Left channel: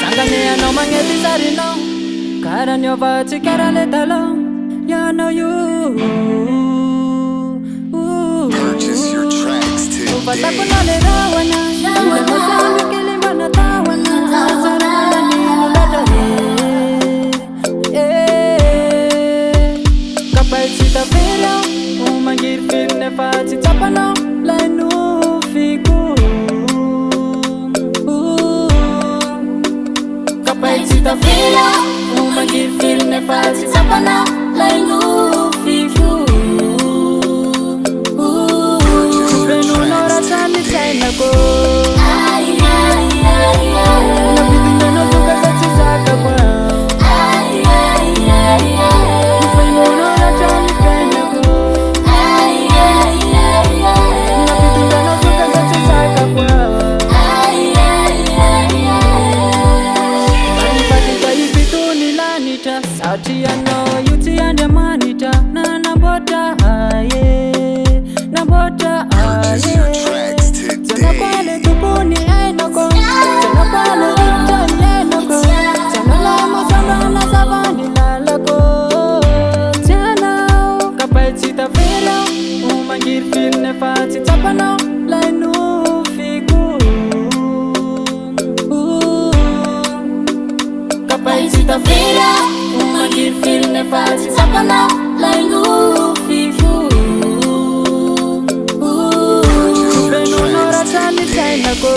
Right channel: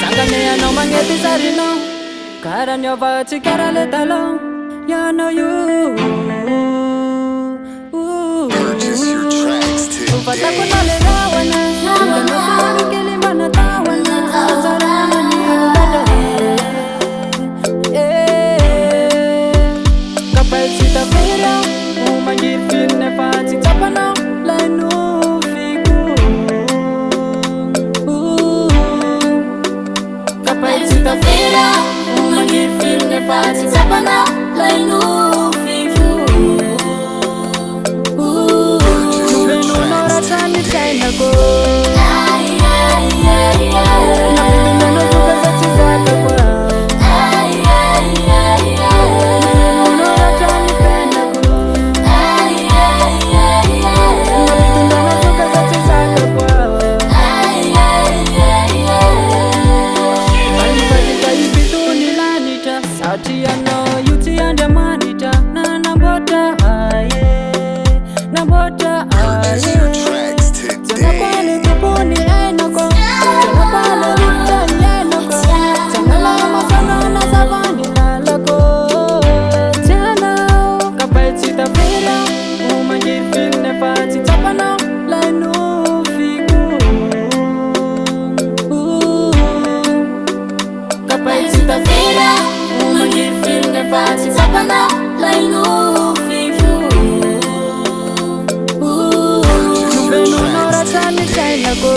Sangane anao magnety zarinao karaha niova-tsy karaha le taloha ianao io Purchase your tracks fatako today. na le rahoana ila masandro kely manatahoana azarana nino loatra kapay tsy tavery aho mangiry fily nefa tsy tsapanao lay nofiko kapay tsy tavery aho mangiry fily nefa tsy tsapanao lay nofiko nofenonao ratrany fiainako nampitondranao zoka za tsy zakako nofenonao ratrany fiainako nampitondranao zoka za tsy zakako Anifadika ipitony lanitra satria anao io tsy Andriamanitra nanamboatra namboatra Purchase your tracks Janako today. ale tupuni ainako Janako ale rifta ainako Janala masana na savani lalako Janao kapay tsy tavera umangir fil nefa tsy tsapanao lai nofiko kapay tsy tavera umangir fil nefa tsy tsapanao lai nofiko nofenonao ratrany fiainako